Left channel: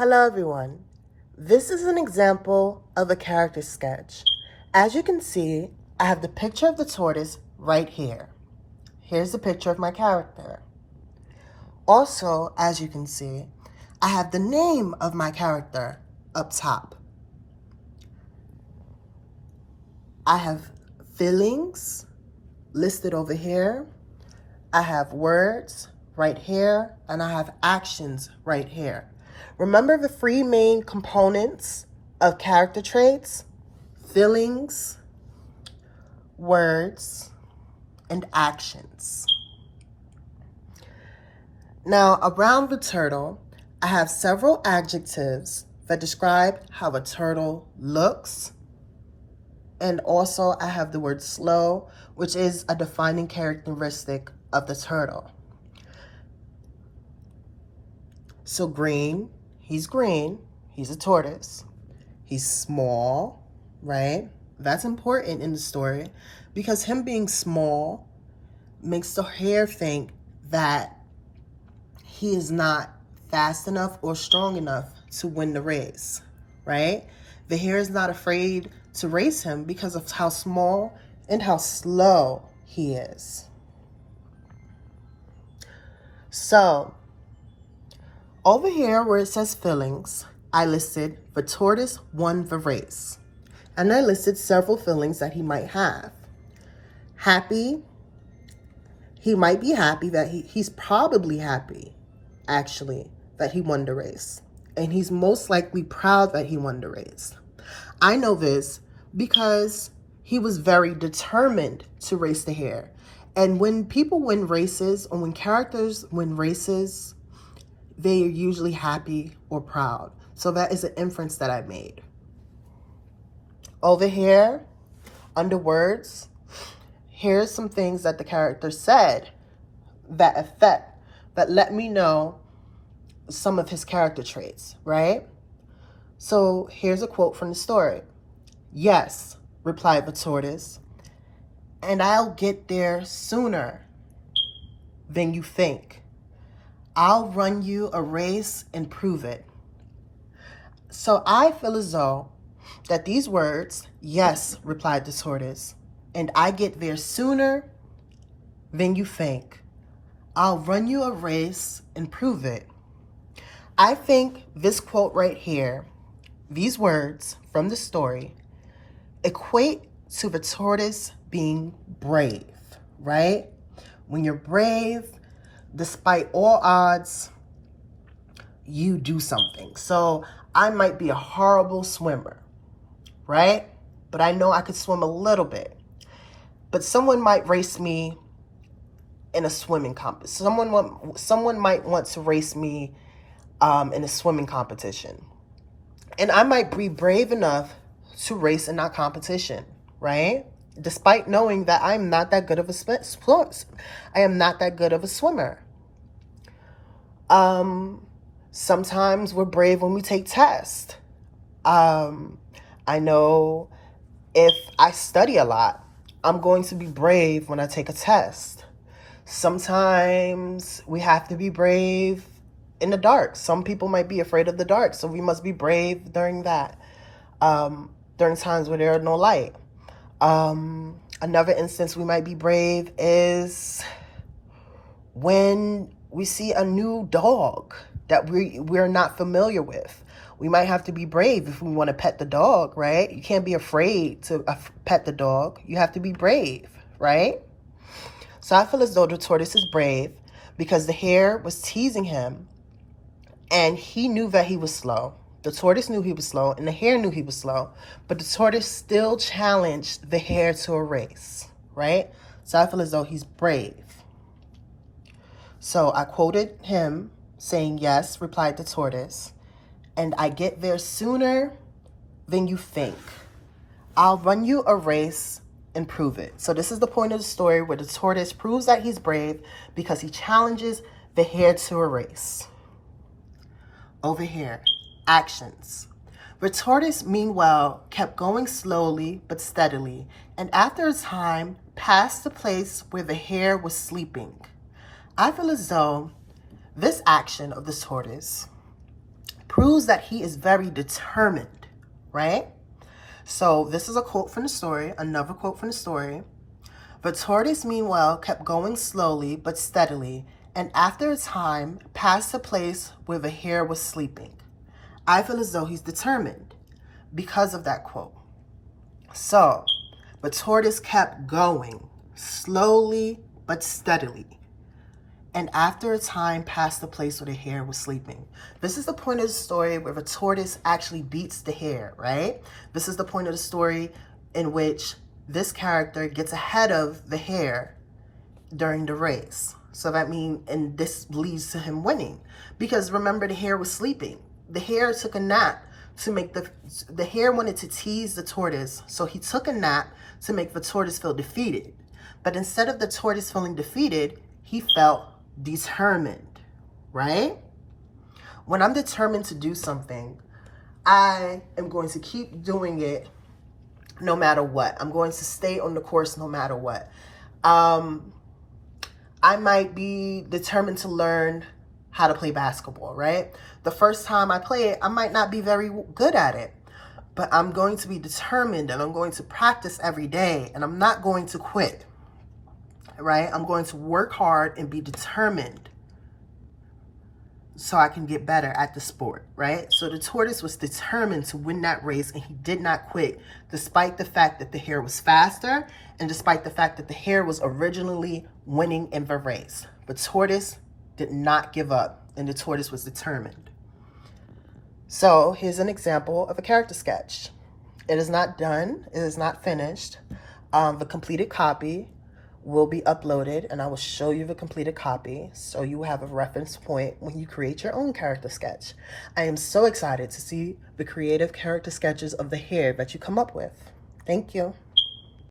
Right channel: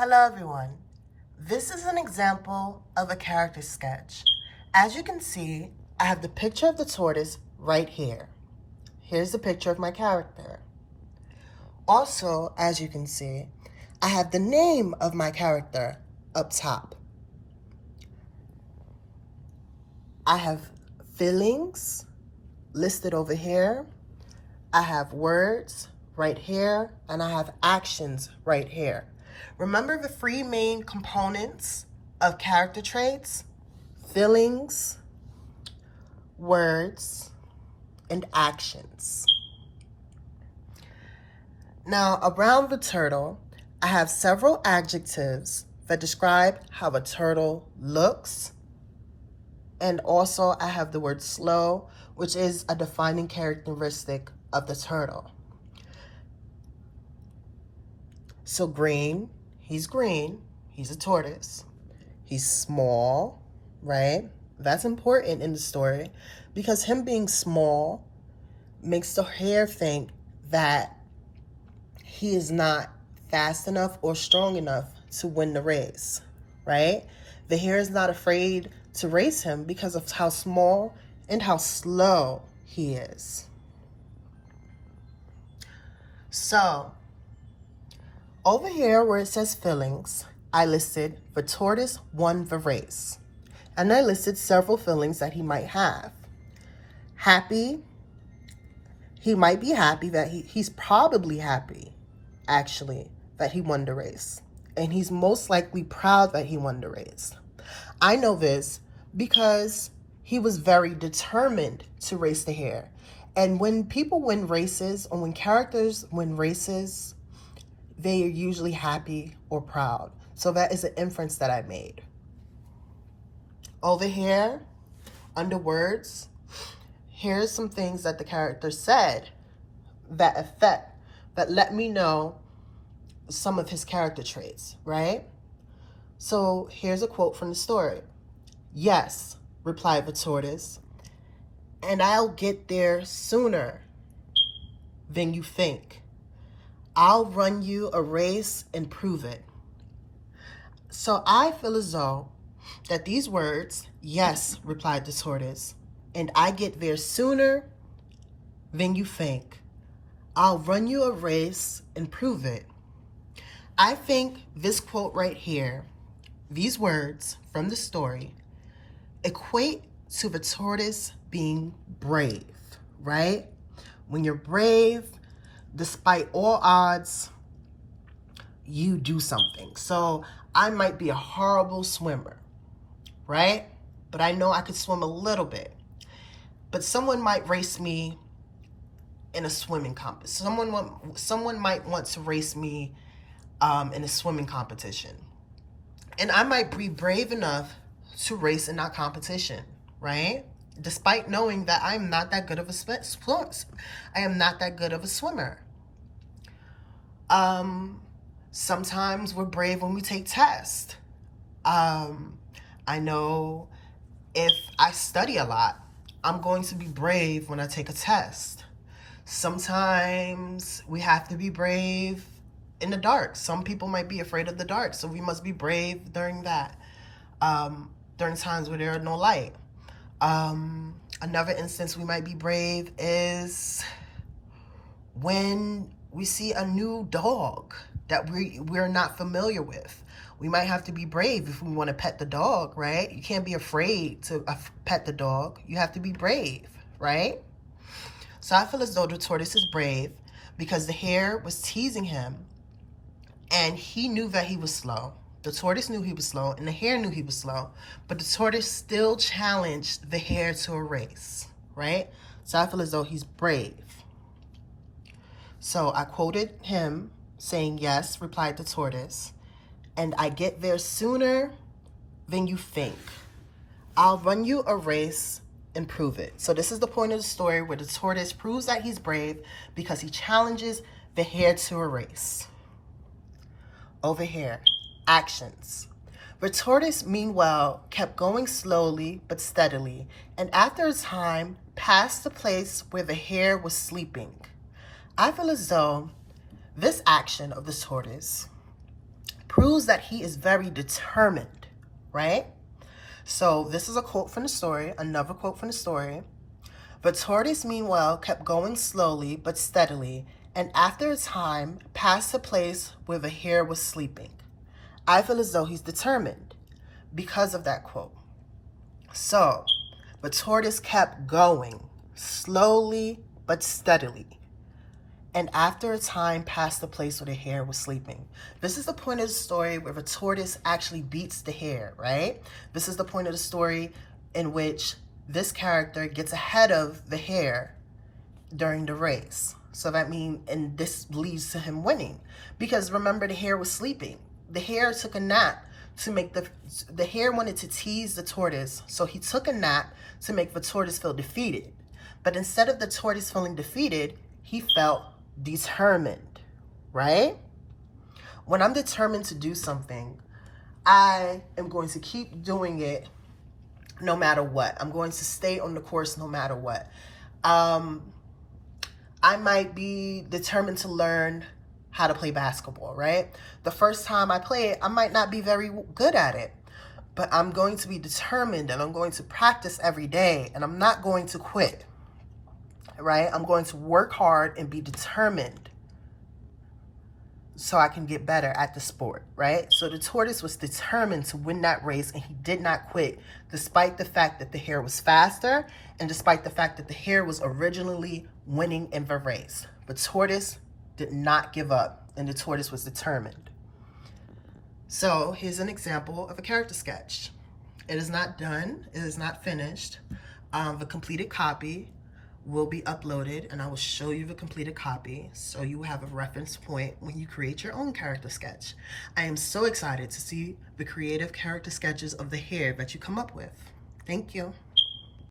Hello everyone. This is an example of a character sketch. As you can see, I have the picture of the tortoise right here. Here's the picture of my character. Also, as you can see, I have the name of my character up top. I have feelings listed over here. I have words right here, and I have actions right here. Remember the three main components of character traits: feelings, words, and actions. Now, around the turtle, I have several adjectives that describe how a turtle looks. And also I have the word slow, which is a defining characteristic of the turtle. So green, he's a tortoise. He's small, right? That's important in the story because him being small makes the hare think that he is not fast enough or strong enough to win the race, right? The hare is not afraid to race him because of how small and how slow he is. So, over here where it says feelings, I listed the tortoise won the race. And I listed several feelings that he might have. Happy. He might be happy that he's probably happy, actually, that he won the race. And he's most likely proud that he won the race. I know this because he was very determined to race the hare. And when people win races, or when characters win races, they are usually happy or proud. So that is an inference that I made. Over here, under words, here's some things that the character said that let me know some of his character traits, right? So here's a quote from the story. "Yes," replied the tortoise, "and I'll get there sooner than you think. I'll run you a race and prove it." So I feel as though that these words, "Yes," replied the tortoise, "and I get there sooner than you think. I'll run you a race and prove it." I think this quote right here, these words from the story, equate to the tortoise being brave, right? When you're brave, despite all odds, you do something. So I might be a horrible swimmer, right? But I know I could swim a little bit. But someone might race me in a swimming competition. Someone might want to race me in a swimming competition. And I might be brave enough to race in that competition, right? Despite knowing that I'm not that good of a swimmer. I am not that good of a swimmer. Sometimes we're brave when we take tests. I know if I study a lot, I'm going to be brave when I take a test. Sometimes we have to be brave in the dark. Some people might be afraid of the dark, so we must be brave during that, during times where there are no light. Another instance we might be brave is when we see a new dog that we're not familiar with. We might have to be brave if we want to pet the dog, right? You can't be afraid to pet the dog. You have to be brave, right? So I feel as though the tortoise is brave because the hare was teasing him and he knew that he was slow. The tortoise knew he was slow and the hare knew he was slow, but the tortoise still challenged the hare to a race, right? So I feel as though he's brave. So I quoted him saying, "Yes," replied the tortoise, "and I get there sooner than you think. I'll run you a race and prove it." So this is the point of the story where the tortoise proves that he's brave because he challenges the hare to a race. Over here, actions. The tortoise, meanwhile, kept going slowly but steadily, and after a time passed the place where the hare was sleeping. I feel as though this action of the tortoise proves that he is very determined, right? So this is a quote from the story, another quote from the story. The tortoise, meanwhile, kept going slowly but steadily, and after a time passed a place where the hare was sleeping. I feel as though he's determined because of that quote. So the tortoise kept going slowly but steadily, and after a time passed the place where the hare was sleeping. This is the point of the story where the tortoise actually beats the hare, right? This is the point of the story in which this character gets ahead of the hare during the race. So that means, and this leads to him winning. Because remember, the hare was sleeping. The hare took a nap to make the hare wanted to tease the tortoise. So he took a nap to make the tortoise feel defeated. But instead of the tortoise feeling defeated, he felt determined, right? When I'm determined to do something, I am going to keep doing it no matter what. I'm going to stay on the course no matter what. I might be determined to learn how to play basketball, right? The first time I play it, I might not be very good at it, but I'm going to be determined and I'm going to practice every day and I'm not going to quit, right? I'm going to work hard and be determined so I can get better at the sport, right? So the tortoise was determined to win that race and he did not quit, despite the fact that the hare was faster and despite the fact that the hare was originally winning in the race. The tortoise did not give up and the tortoise was determined. So here's an example of a character sketch. It is not done, it is not finished. The completed copy will be uploaded and I will show you the completed copy so you have a reference point when you create your own character sketch. I am so excited to see the creative character sketches of the hare that you come up with. Thank you.